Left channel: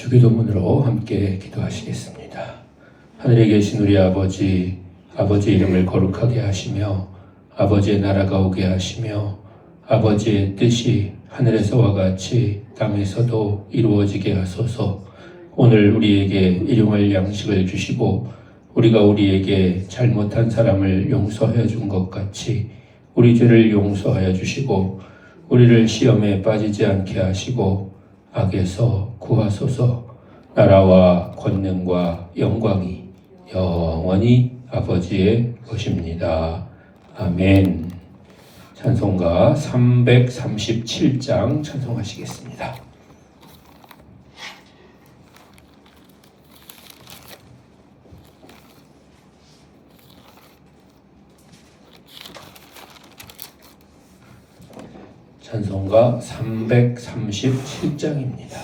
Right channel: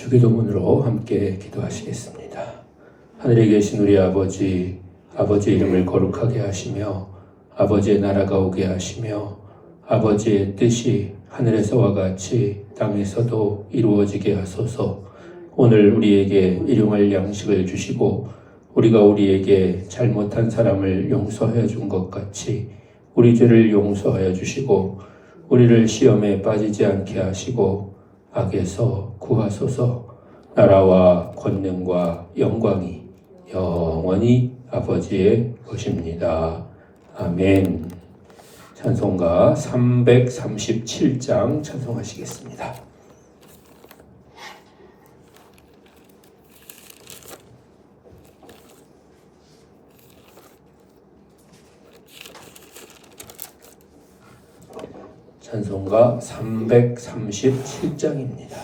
주기도문으로 함께 기도하시겠습니다. 하늘에 계신 우리 아버지, 아버지의 이름을 거룩하게 하시며 아버지의 나라가 오게 하시며 아버지의 뜻이 하늘에서와 같이 땅에서도 이루어지게 하소서. 오늘 우리에게 일용할 양식을 주시고 우리가 우리에게 잘못한 사람을 용서하여 준 것 같이 우리 죄를 용서하여 주시고 우리를 시험에 빠지지 않게 하시고 악에서 구하소서. 나라와 권능과 영광이 영원히 아버지의 것입니다. 아멘. 찬송가 337장 찬송하시겠습니다. 찬송가 337장입니다.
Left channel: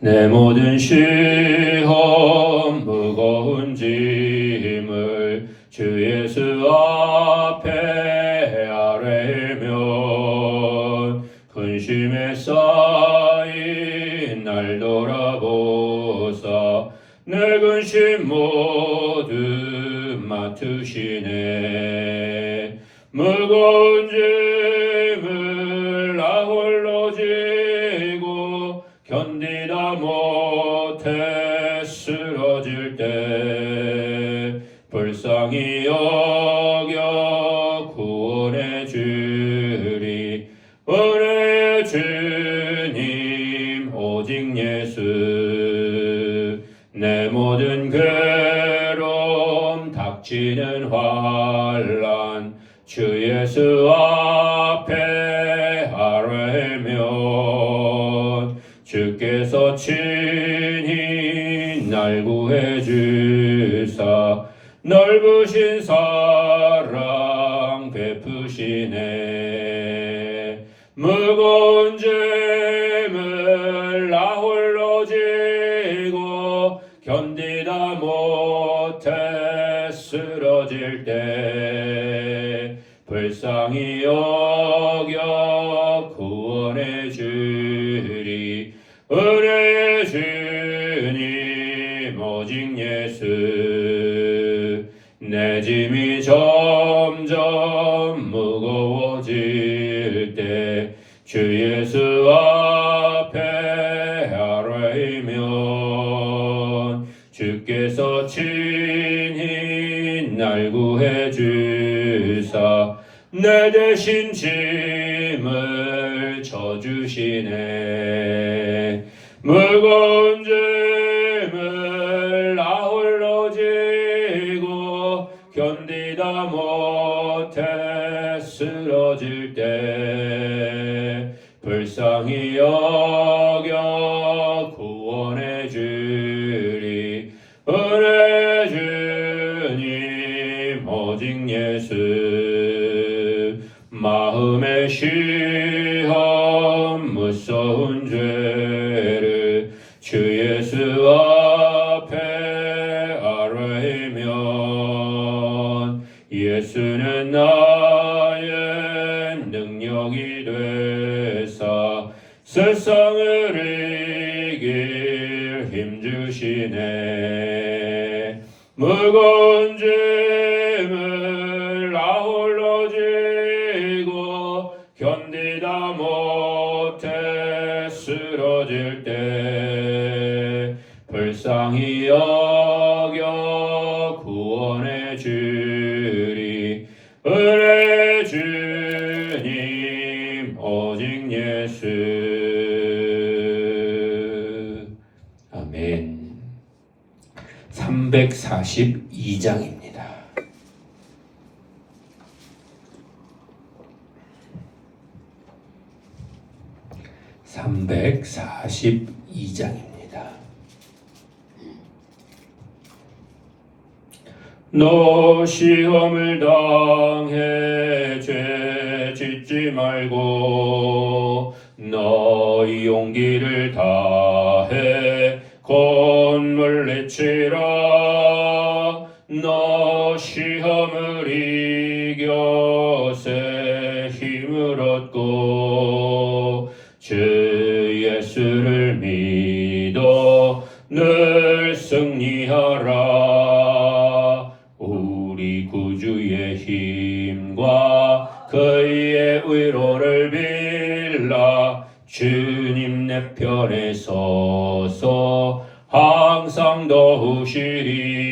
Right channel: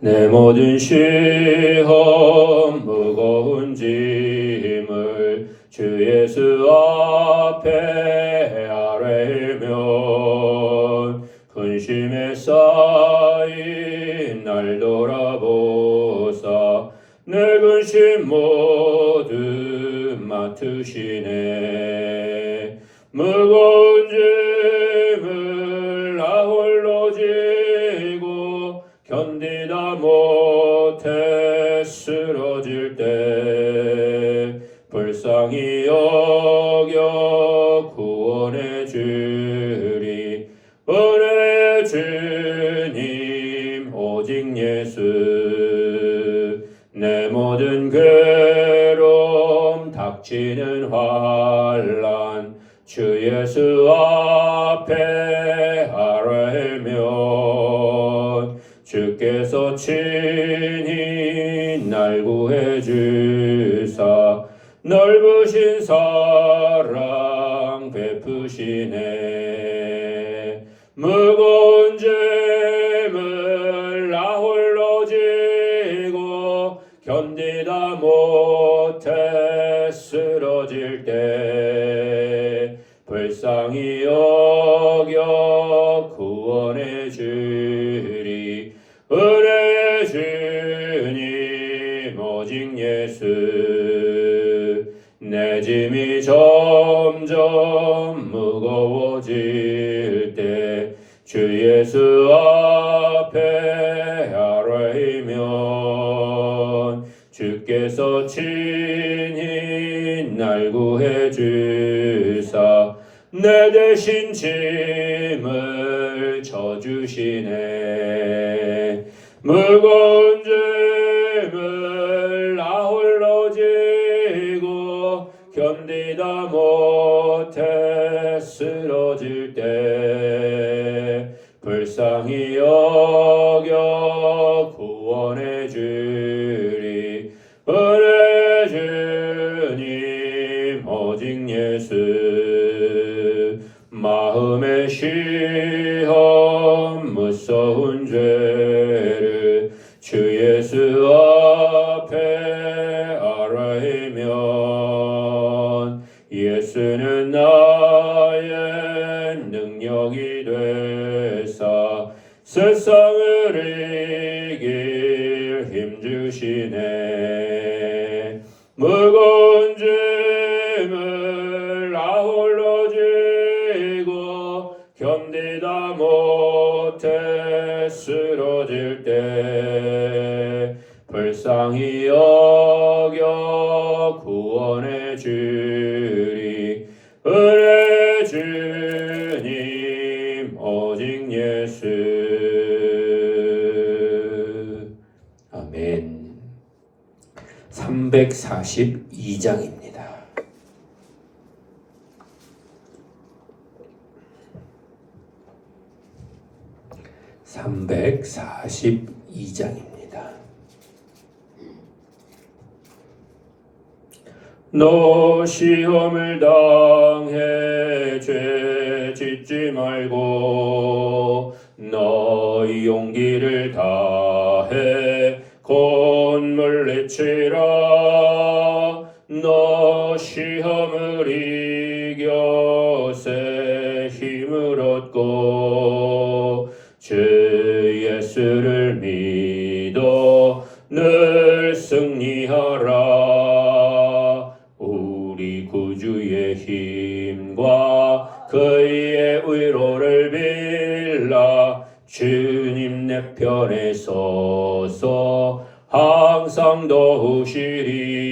내 모든 시험 무거운 짐을 주 예수 앞에 아뢰며 근심에 쌓인 날 돌아보사 내 근심 모두 맡으시네. 무거운 짐을 나 홀로 지고 견디다 못해 쓰러질 때 불쌍히 여겨 구원해 주리. 은혜 주님 오직 예수. 내 모든 괴로움 닥치는 환난 주 예수 앞에 아뢰면 주께서 친히 날 구해 주사 넓으신 사랑 베푸시네. 무거운 짐을 나 홀로 지고 견디다 못해 쓰러질 때 불쌍히 여겨 구원해 주리. 은혜 주님 오직 예수. 내 짐이 점점 무거워질 때 주 예수 앞에 아뢰면 주께서 친히 날 구해 주사 내 대신 짐을 져주시네. 무거운 짐을 나 홀로 지고 견디다 못해 쓰러질 때 불쌍히 여겨 구원해 주리. 은혜 주님 오직 예수. 마음의 시험 무서운 죄를 주 예수 앞에 아뢰면 예수는 나의 능력이 되사 세상을 이길 힘주시네. 무거운 짐을 나 홀로 지고 견디다 못해 쓰러질 때 불쌍히 여겨 구원해 주리. 은혜 주님 오직 예수. 아멘. 342장입니다. 너 시험을 당해 죄 짓지 말고 너희 용기를 다해 곧 물리치라. 너 시험을 이겨 새 힘을 얻고 주 예수를 믿 믿어 늘 승리하라. 우리 구주의 힘과 그의 의로를 빌라. 주님 내 편에 서서 항상 도우시리.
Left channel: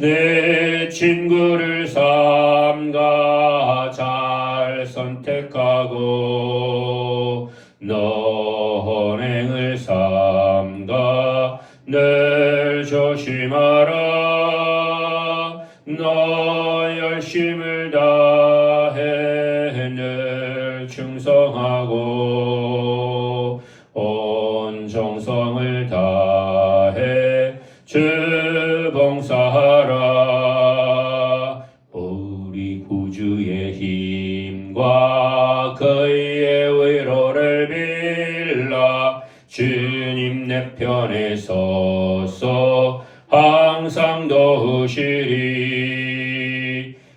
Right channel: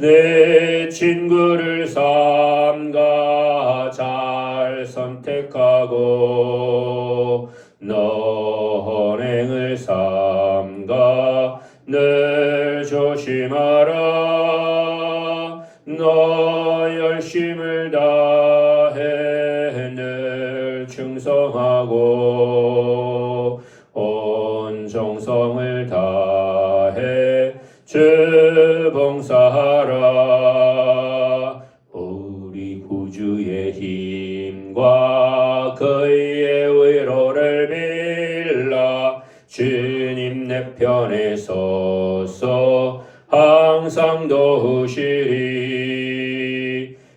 내 친구를 삼가 잘 선택하고 너행을 삼가 늘 조심하라. 너 열심을 다해 늘 충성하고 온 정성을 다해 주 봉사하라. 우리 구주의 힘과 그의 의로를 빌라. 주님 내 편에 서서 항상 도우시리.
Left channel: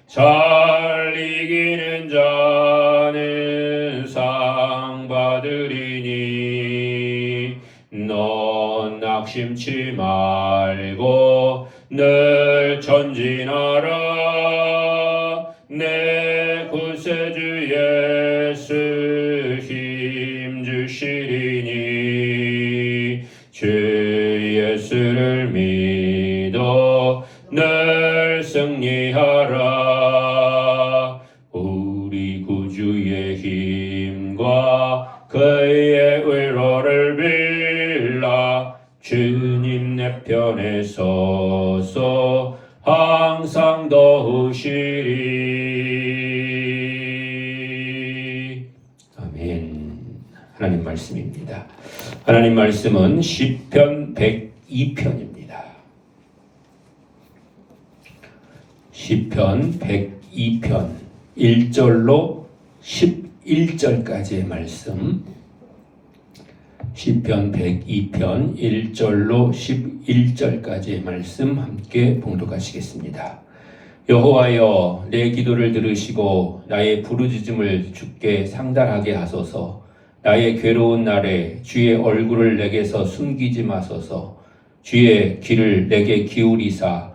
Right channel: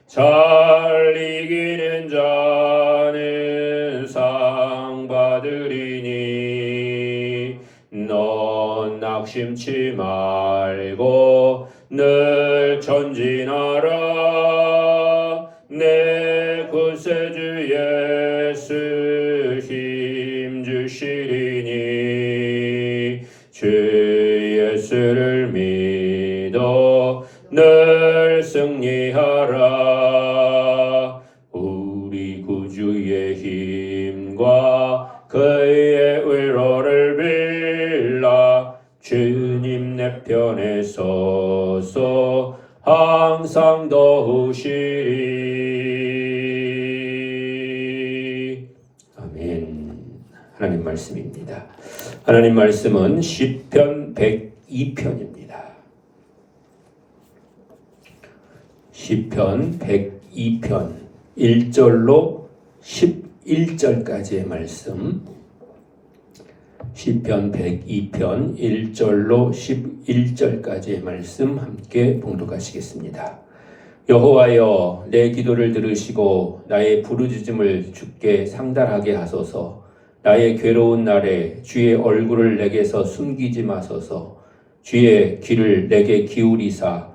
잘 이기는 자는 상 받으리니 넌 낙심치 말고 늘 전진하라. 내 구세주 예수 힘 주시리니 주 예수를 믿어 늘 승리하라. 우리 구주의 힘과 그의 의로를 빌라. 주님 내 편에 서서 항상 도우시리. 아멘. 하나님 말씀입니다. 하나님 말씀은 시편 102편입니다. 시편 102편 1절로 11절까지의 말씀. 시편 102편 1절로 11절까지의 말씀 함께 봉독하시겠습니다. 여호와여, 내 기도를 들으시고 나의 부르짖음을 주께 상달하게 하소서. 나의 괴로운 날에 주의 얼굴을 내게서 숨기지 마소서. 주의 귀를 내게 기울이사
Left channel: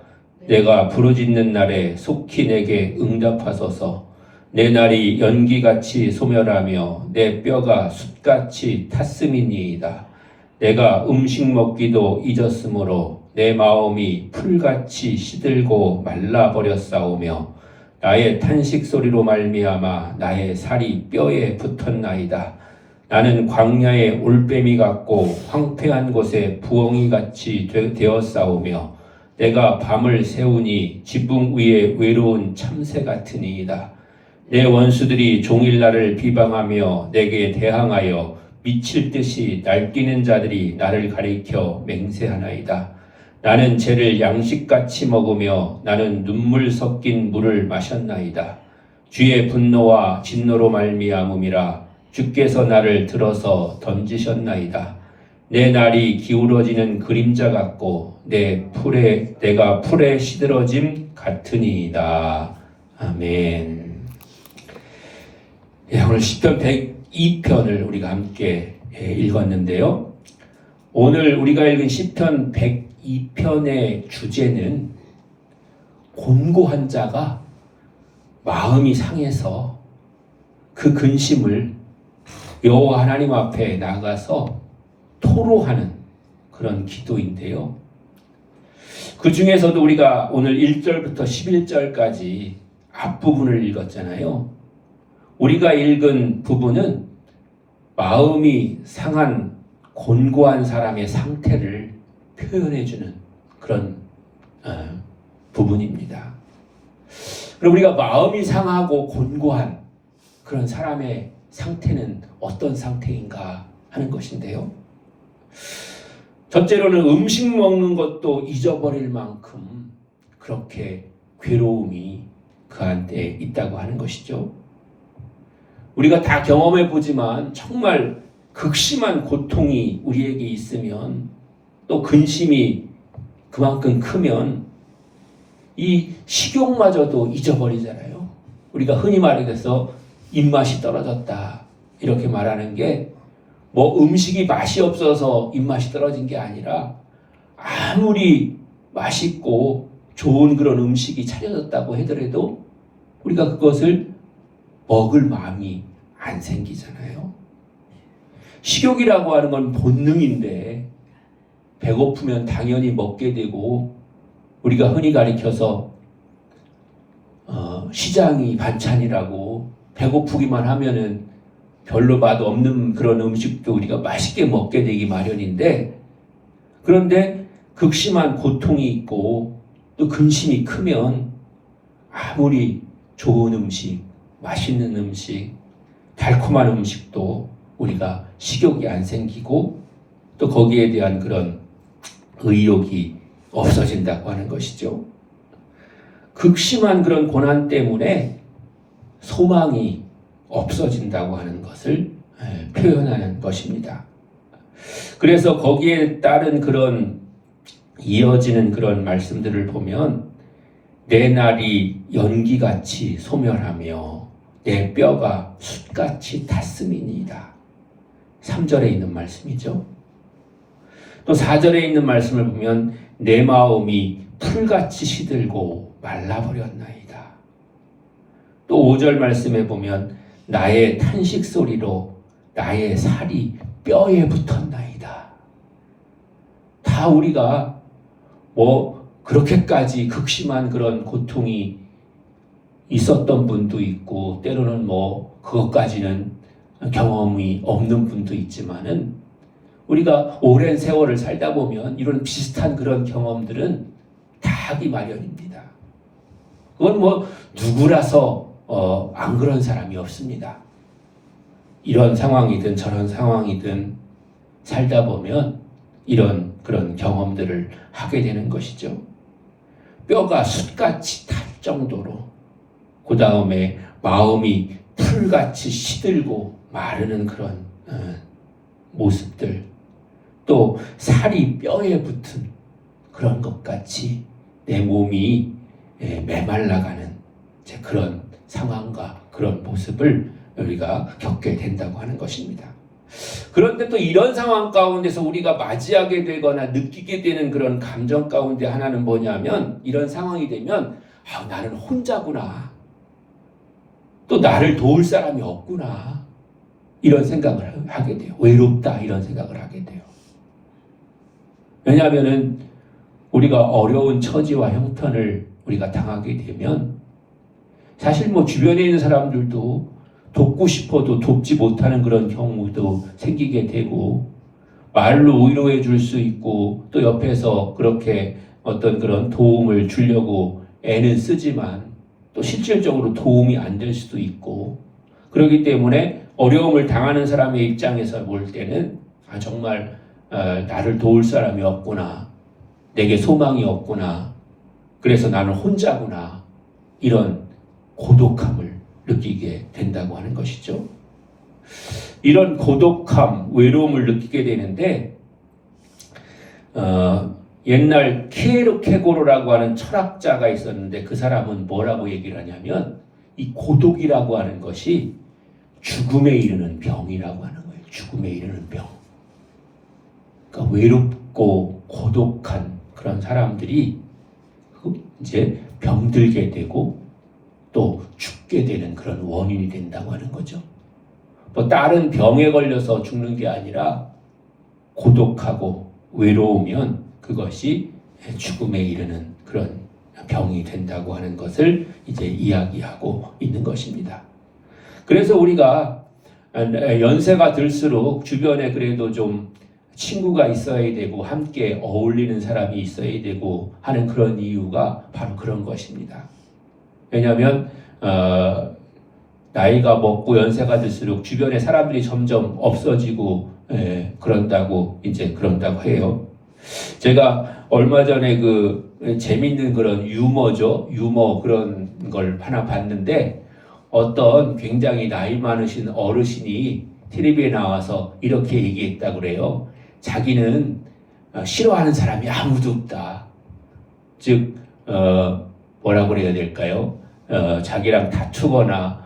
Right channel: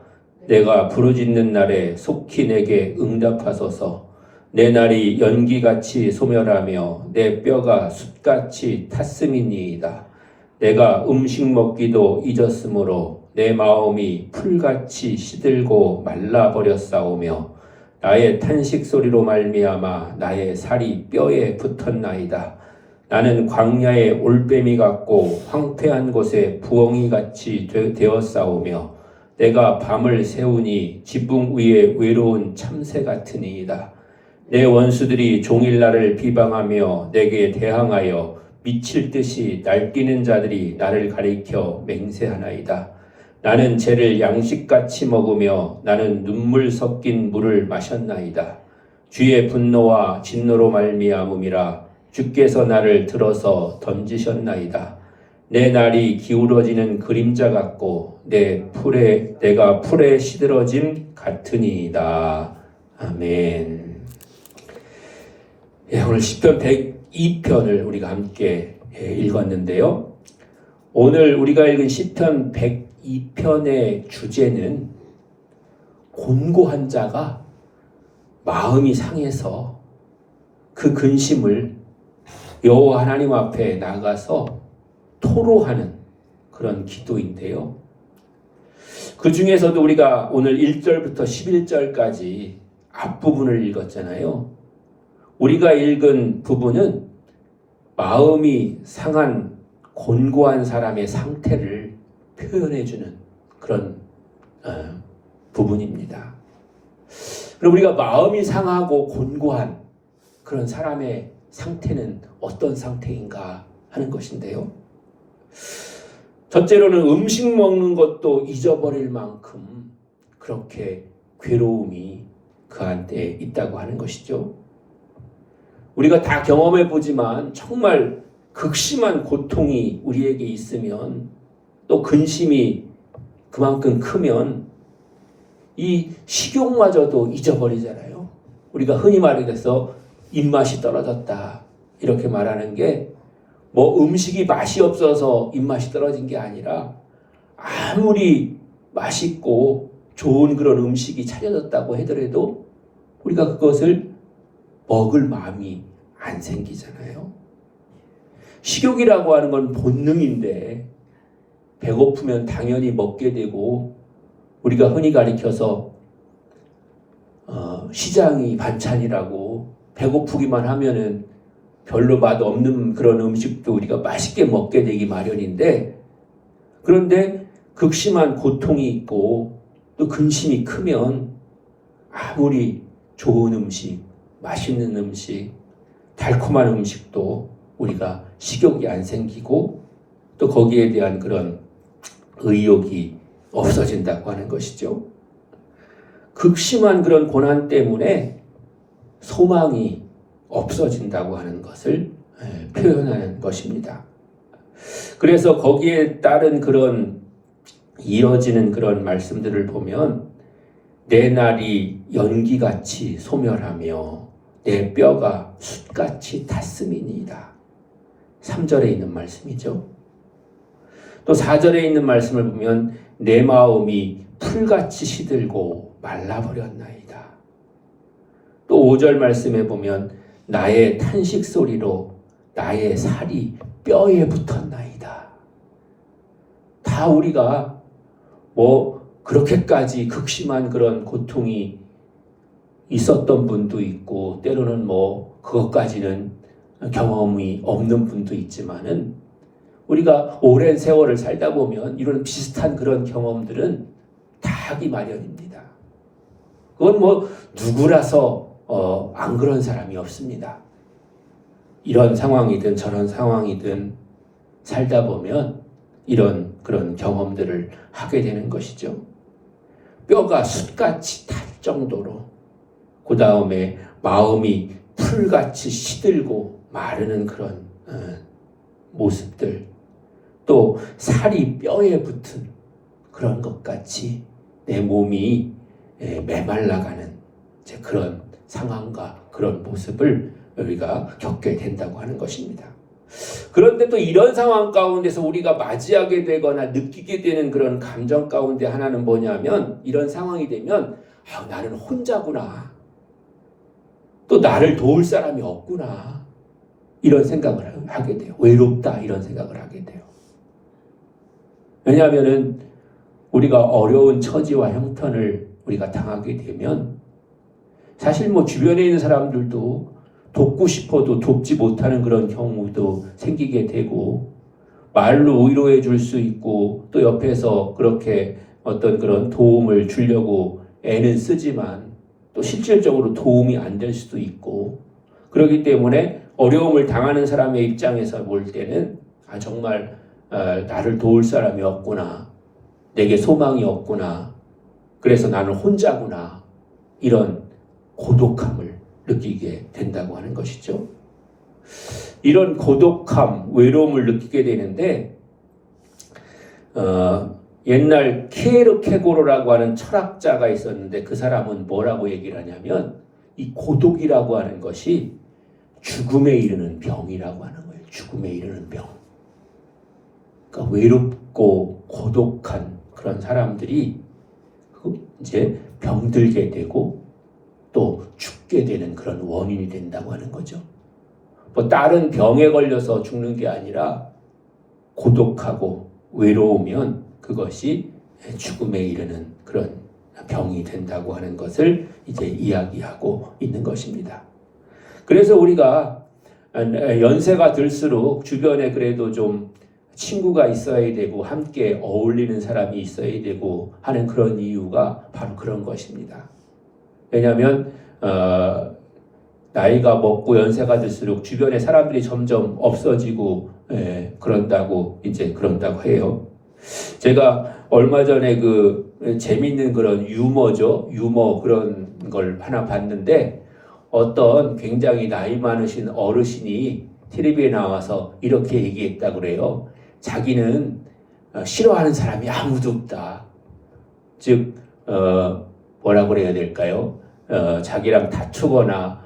내가 부르짖는 날에 속히 내게 응답하소서. 내 날이 연기같이 소멸하며 내 뼈가 숯같이 탔음이니이다. 내가 음식 먹기도 잊었으므로 내 마음이 풀같이 시들고 말라버렸사오며 나의 탄식 소리로 말미암아 나의 살이 뼈에 붙었나이다. 나는 광야의 올빼미 같고 황폐한 곳에 부엉이같이 되었사오며 내가 밤을 새우니 지붕 위에 외로운 참새 같으니이다. 내 원수들이 종일 나를 비방하며 내게 대항하여 미칠 듯이 날뛰는 자들이 나를 가리켜 맹세하나이다. 나는 죄를 양식같이 먹으며 나는 눈물 섞인 물을 마셨나이다. 주의 분노와 진노로 말미암음이라. 주께서 나를 들어서 던지셨나이다. 내 날이 기울어지는 그림자 같고 내가 풀에 시들어짐 같으니이다. 아멘. 오늘 시편 102편을 우리가 함께 읽었는데요. 오늘 우리가 읽은 시편 102편의 주제는 곤고한 자가 마음이 상해서 그 근심을 여호와 하나님 앞에 나가서 토로하는 그런 기도인데요. 그 중에서도 우리가 오늘 1절부터 11절까지 앞부분을 읽었잖아요. 우리가 읽은 부분은 마음이 상한 곤고한 사람의 상태를 표현해주는 그런 부분입니다. 그리고 우리가 마음이 상하고 곤고한 그런 사람의 상태는 어떤 상태인가 하는 것인데요. 첫째로는 음식 먹는 것도 잊어버릴 만큼 그렇게 괴로움이 그한테 있다고 하는 것이죠. 우리가 다 경험해 보지만 정말 극심한 고통이 우리에게 있으면 또 근심이 그만큼 크면 이 식욕마저도 잊어버리잖아요. 우리가 흔히 말해서 입맛이 떨어졌다 이렇게 말하는 게 뭐 음식이 맛이 없어서 입맛이 떨어진 게 아니라 아무리 맛있고 좋은 그런 음식이 차려졌다고 하더라도 우리가 그것을 먹을 마음이 안 생기잖아요. 식욕이라고 하는 건 본능인데 배고프면 당연히 먹게 되고, 우리가 흔히 가리켜서 시장이 반찬이라고 배고프기만 하면은 별로 맛 없는 그런 음식도 우리가 맛있게 먹게 되기 마련인데, 그런데 극심한 고통이 있고 또 근심이 크면 아무리 좋은 음식, 맛있는 음식, 달콤한 음식도 우리가 식욕이 안 생기고 또 거기에 대한 그런 의욕이 없어진다고 하는 것이죠. 극심한 그런 고난 때문에 소망이 없어진다고 하는 것을 표현하는 것입니다. 그래서 거기에 따른 그런 이어지는 그런 말씀들을 보면 내 날이 연기같이 소멸하며 내 뼈가 숯같이 탔음이니이다. 3절에 있는 말씀이죠. 또 4절에 있는 말씀을 보면 내 마음이 풀같이 시들고 말라버렸나이다. 또 5절 말씀에 보면 나의 탄식 소리로 나의 살이 뼈에 붙었나이다. 다 우리가 뭐 그렇게까지 극심한 그런 고통이 있었던 분도 있고 때로는 뭐 그것까지는 경험이 없는 분도 있지만은 우리가 오랜 세월을 살다 보면 이런 비슷한 그런 경험들은 다 하기 마련입니다. 그건 뭐 누구라서 안 그런 사람이 없습니다. 이런 상황이든 저런 상황이든 살다 보면 이런 그런 경험들을 하게 되는 것이죠. 뼈가 숯같이 탈 정도로, 그 다음에 마음이 풀같이 시들고 마르는 그런 모습들, 또 살이 뼈에 붙은 그런 것 같이 내 몸이 메말라가는 그런 상황과 그런 모습을 우리가 겪게 된다고 하는 것입니다. 그런데 또 이런 상황 가운데서 우리가 맞이하게 되거나 느끼게 되는 그런 감정 가운데 하나는 뭐냐면, 이런 상황이 되면 나는 혼자구나, 또 나를 도울 사람이 없구나, 이런 생각을 하게 돼요. 외롭다, 이런 생각을 하게 돼요. 왜냐하면은 우리가 어려운 처지와 형편을 우리가 당하게 되면 사실 뭐 주변에 있는 사람들도 돕고 싶어도 돕지 못하는 그런 경우도 생기게 되고, 말로 위로해 줄 수 있고 또 옆에서 그렇게 어떤 그런 도움을 주려고 애는 쓰지만 또 실질적으로 도움이 안 될 수도 있고, 그렇기 때문에 어려움을 당하는 사람의 입장에서 볼 때는 정말 나를 도울 사람이 없구나, 내게 소망이 없구나, 그래서 나는 혼자구나, 이런 고독함을 느끼게 된다고 하는 것이죠. 이런 고독함, 외로움을 느끼게 되는데 옛날 케르케고르라고 하는 철학자가 있었는데 그 사람은 뭐라고 얘기를 하냐면 이 고독이라고 하는 것이 죽음에 이르는 병이라고 하는 거예요. 죽음에 이르는 병. 그러니까 외롭고 고독한 그런 사람들이 이제 병들게 되고 또 죽게 되는 그런 원인이 된다고 하는 거죠. 뭐 다른 병에 걸려서 죽는 게 아니라 고독하고 외로우면 그것이 죽음에 이르는 그런 병이 된다고 하는 것을 이제 이야기하고 있는 것입니다. 그래서 우리가 연세가 들수록 주변에 그래도 좀 친구가 있어야 되고 함께 어울리는 사람이 있어야 되고 하는 그런 이유가 바로 그런 것입니다. 왜냐하면 나이가 먹고 연세가 들수록 주변에 사람들이 점점 없어지고 그런다고 해요. 제가 얼마 전에 그 재밌는 그런 유머 그런 걸 하나 봤는데, 어떤 굉장히 나이 많으신 어르신이 텔레비에 나와서 이렇게 얘기했다 그래요. 자기는 싫어하는 사람이 아무도 없다. 즉 뭐라고 그래야 될까요? 자기랑 다투거나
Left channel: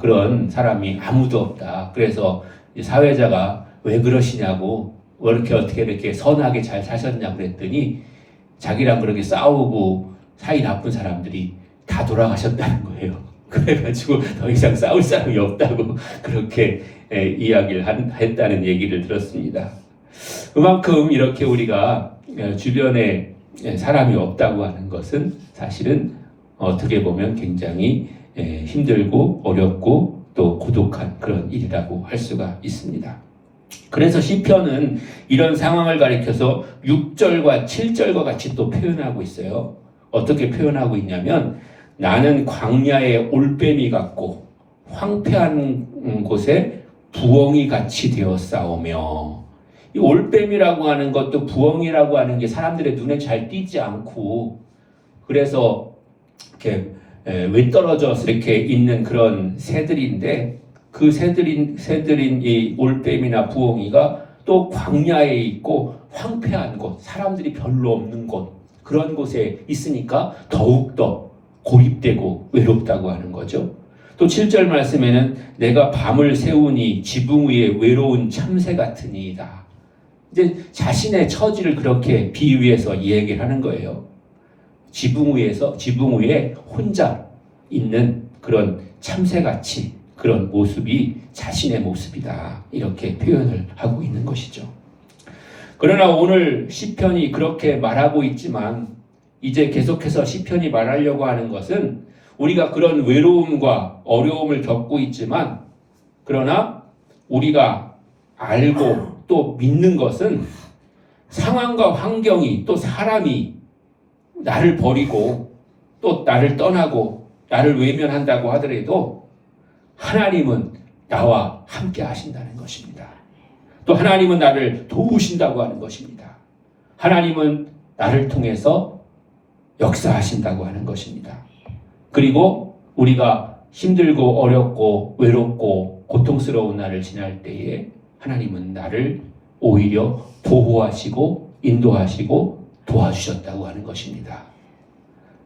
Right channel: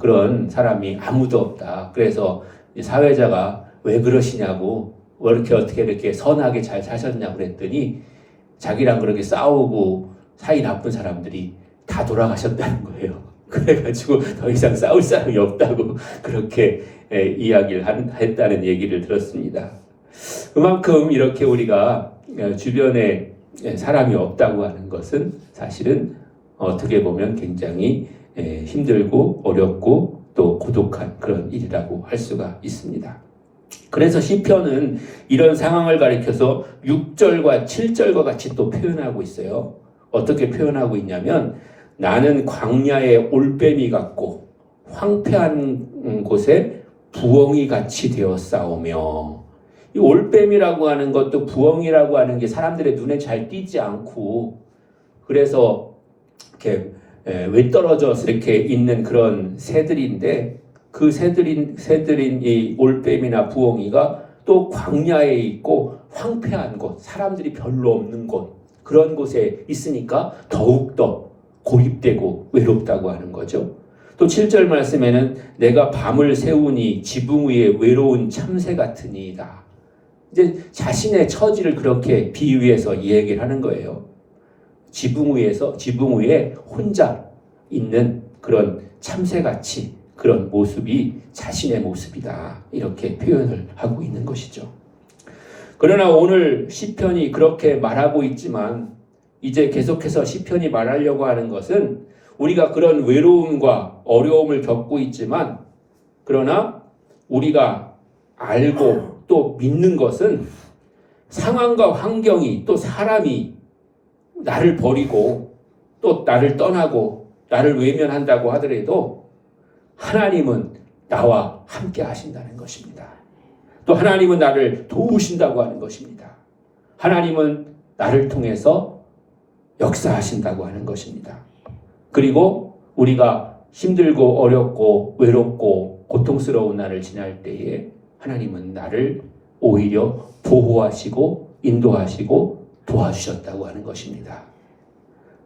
그런 사람이 아무도 없다. 그래서 사회자가 왜 그러시냐고, 왜 이렇게 어떻게 이렇게 선하게 잘 사셨냐고 그랬더니 자기랑 그렇게 싸우고 사이 나쁜 사람들이 다 돌아가셨다는 거예요. 그래가지고 더 이상 싸울 사람이 없다고 그렇게 이야기를 했다는 얘기를 들었습니다. 그만큼 이렇게 우리가 주변에 사람이 없다고 하는 것은 사실은 어떻게 보면 굉장히 힘들고 어렵고 또 고독한 그런 일이라고 할 수가 있습니다. 그래서 시편은 이런 상황을 가리켜서 6절과 7절과 같이 또 표현하고 있어요. 어떻게 표현하고 있냐면 나는 광야의 올빼미 같고 황폐한 곳에 부엉이 같이 되었사오며, 이 올빼미라고 하는 것도 부엉이라고 하는 게 사람들의 눈에 잘 띄지 않고 그래서 이렇게 외떨어져서 이렇게 있는 그런 새들인데 그 새들인 이 올빼미나 부엉이가 또 광야에 있고 황폐한 곳, 사람들이 별로 없는 곳, 그런 곳에 있으니까 더욱더 고립되고 외롭다고 하는 거죠. 또 7절 말씀에는 내가 밤을 새우니 지붕 위에 외로운 참새 같으니이다. 이제 자신의 처지를 그렇게 비유해서 얘기를 하는 거예요. 지붕 위에 혼자 있는 그런 참새같이 그런 모습이 자신의 모습이다. 이렇게 표현을 하고 있는 것이죠. 그러나 오늘 시편이 그렇게 말하고 있지만 이제 계속해서 시편이 말하려고 하는 것은 우리가 그런 외로움과 어려움을 겪고 있지만 그러나 우리가 알고 또 믿는 것은 상황과 환경이 또 사람이 나를 버리고 또 나를 떠나고 나를 외면한다고 하더라도 하나님은 나와 함께 하신다는 것입니다. 또 하나님은 나를 도우신다고 하는 것입니다. 하나님은 나를 통해서 역사하신다고 하는 것입니다. 그리고 우리가 힘들고 어렵고 외롭고 고통스러운 날을 지날 때에 하나님은 나를 오히려 보호하시고 인도하시고 도와주셨다고 하는 것입니다.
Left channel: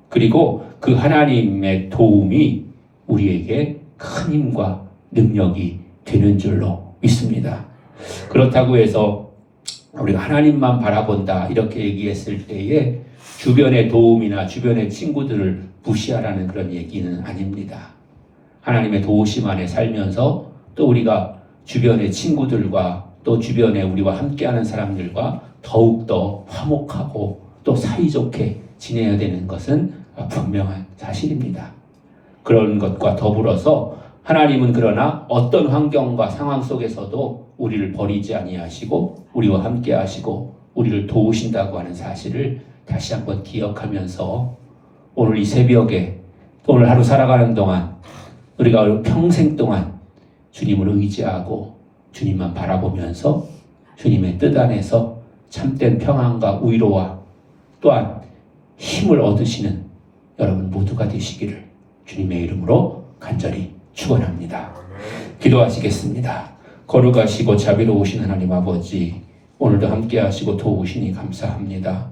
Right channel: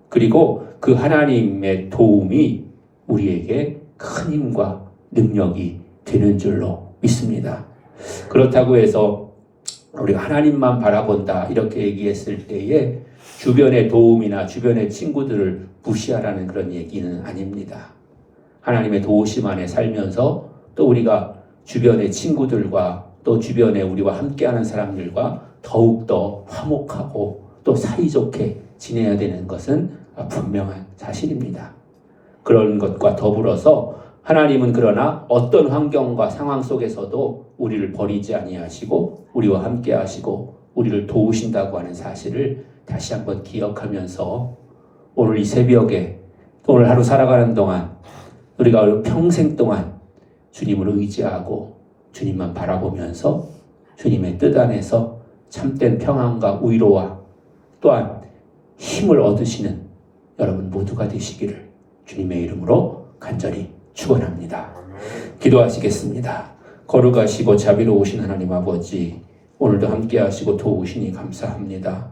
그리고 그 하나님의 도움이 우리에게 큰 힘과 능력이 되는 줄로 믿습니다. 그렇다고 해서 우리가 하나님만 바라본다 이렇게 얘기했을 때에 주변의 도움이나 주변의 친구들을 무시하라는 그런 얘기는 아닙니다. 하나님의 도우심 안에 살면서 또 우리가 주변의 친구들과 또 주변에 우리와 함께하는 사람들과 더욱더 화목하고 또 사이좋게 지내야 되는 것은 분명한 사실입니다. 그런 것과 더불어서 하나님은 그러나 어떤 환경과 상황 속에서도 우리를 버리지 아니하시고 우리와 함께 하시고 우리를 도우신다고 하는 사실을 다시 한번 기억하면서 오늘 이 새벽에 오늘 하루 살아가는 동안 우리가 평생 동안 주님을 의지하고 주님만 바라보면서 주님의 뜻 안에서 참된 평안과 위로와 또한 힘을 얻으시는 여러분 모두가 되시기를 주님의 이름으로 간절히 축원합니다. 기도하시겠습니다. 거룩하시고 자비로우신 하나님 아버지, 오늘도 함께 하시고 도우시니 감사합니다.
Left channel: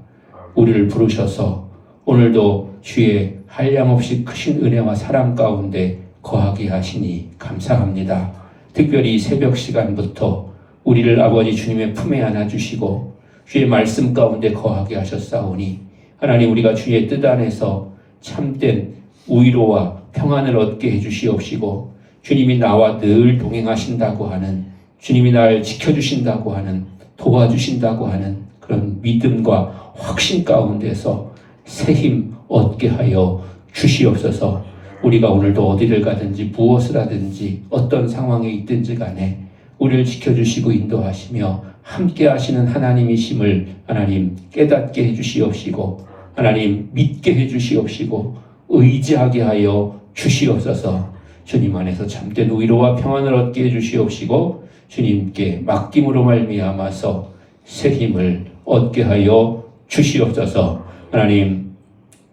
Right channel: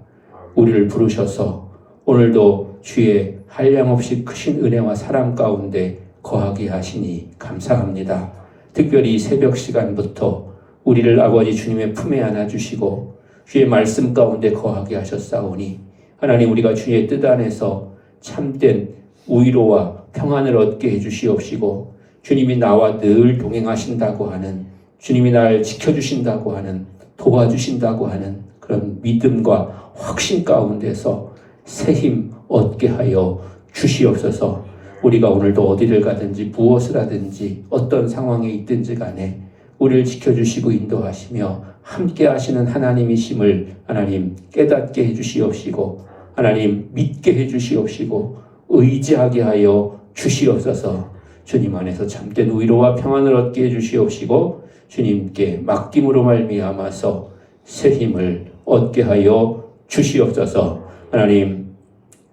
우리를 부르셔서 오늘도 주의 한량없이 크신 은혜와 사랑 가운데 거하게 하시니 감사합니다. 특별히 새벽 시간부터 우리를 아버지 주님의 품에 안아주시고 주의 말씀 가운데 거하게 하셨사오니 하나님, 우리가 주의 뜻 안에서 참된 위로와 평안을 얻게 해주시옵시고 주님이 나와 늘 동행하신다고 하는, 주님이 나를 지켜주신다고 하는, 도와주신다고 하는 그런 믿음과 확신 가운데서 새 힘 얻게 하여 주시옵소서. 우리가 오늘도 어디를 가든지 무엇을 하든지 어떤 상황에 있든지 간에 우리를 지켜주시고 인도하시며 함께 하시는 하나님이심을 하나님 깨닫게 해주시옵시고 하나님 믿게 해주시옵시고 의지하게 하여 주시옵소서. 주님 안에서 참된 위로와 평안을 얻게 해주시옵시고 주님께 맡김으로 말미암아서 새 힘을 얻게 하여 주시옵소서. 하나님,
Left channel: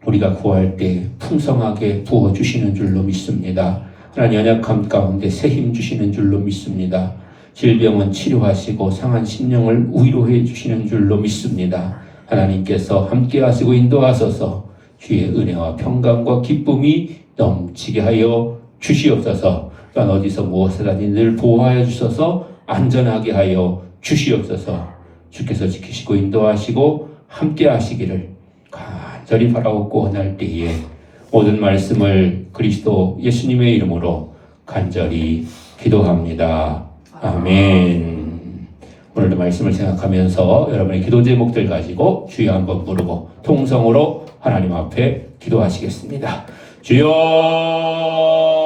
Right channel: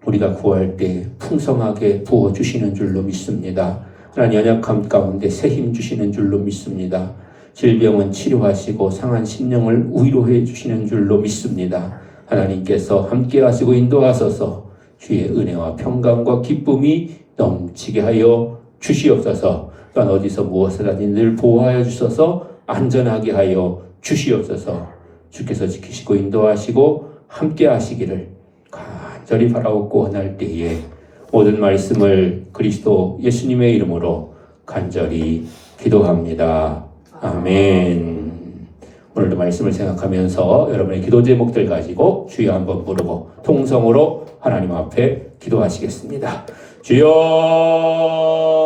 우리가 구할 때 풍성하게 부어주시는 줄로 믿습니다. 하나님, 연약함 가운데 새 힘 주시는 줄로 믿습니다. 질병은 치료하시고 상한 심령을 위로해 주시는 줄로 믿습니다. 하나님께서 함께 하시고 인도하소서. 주의 은혜와 평강과 기쁨이 넘치게 하여 주시옵소서. 또한 어디서 무엇을 하니 늘 보호하여 주셔서 안전하게 하여 주시옵소서. 주께서 지키시고 인도하시고 함께 하시기를 간절히 바라옵고 원할 때에 모든 말씀을 그리스도 예수님의 이름으로 간절히 기도합니다. 아멘. 오늘도 말씀을 생각하면서 여러분의 기도 제목들 가지고 주여 한번 부르고 통성으로 하나님 앞에 기도하시겠습니다. 주여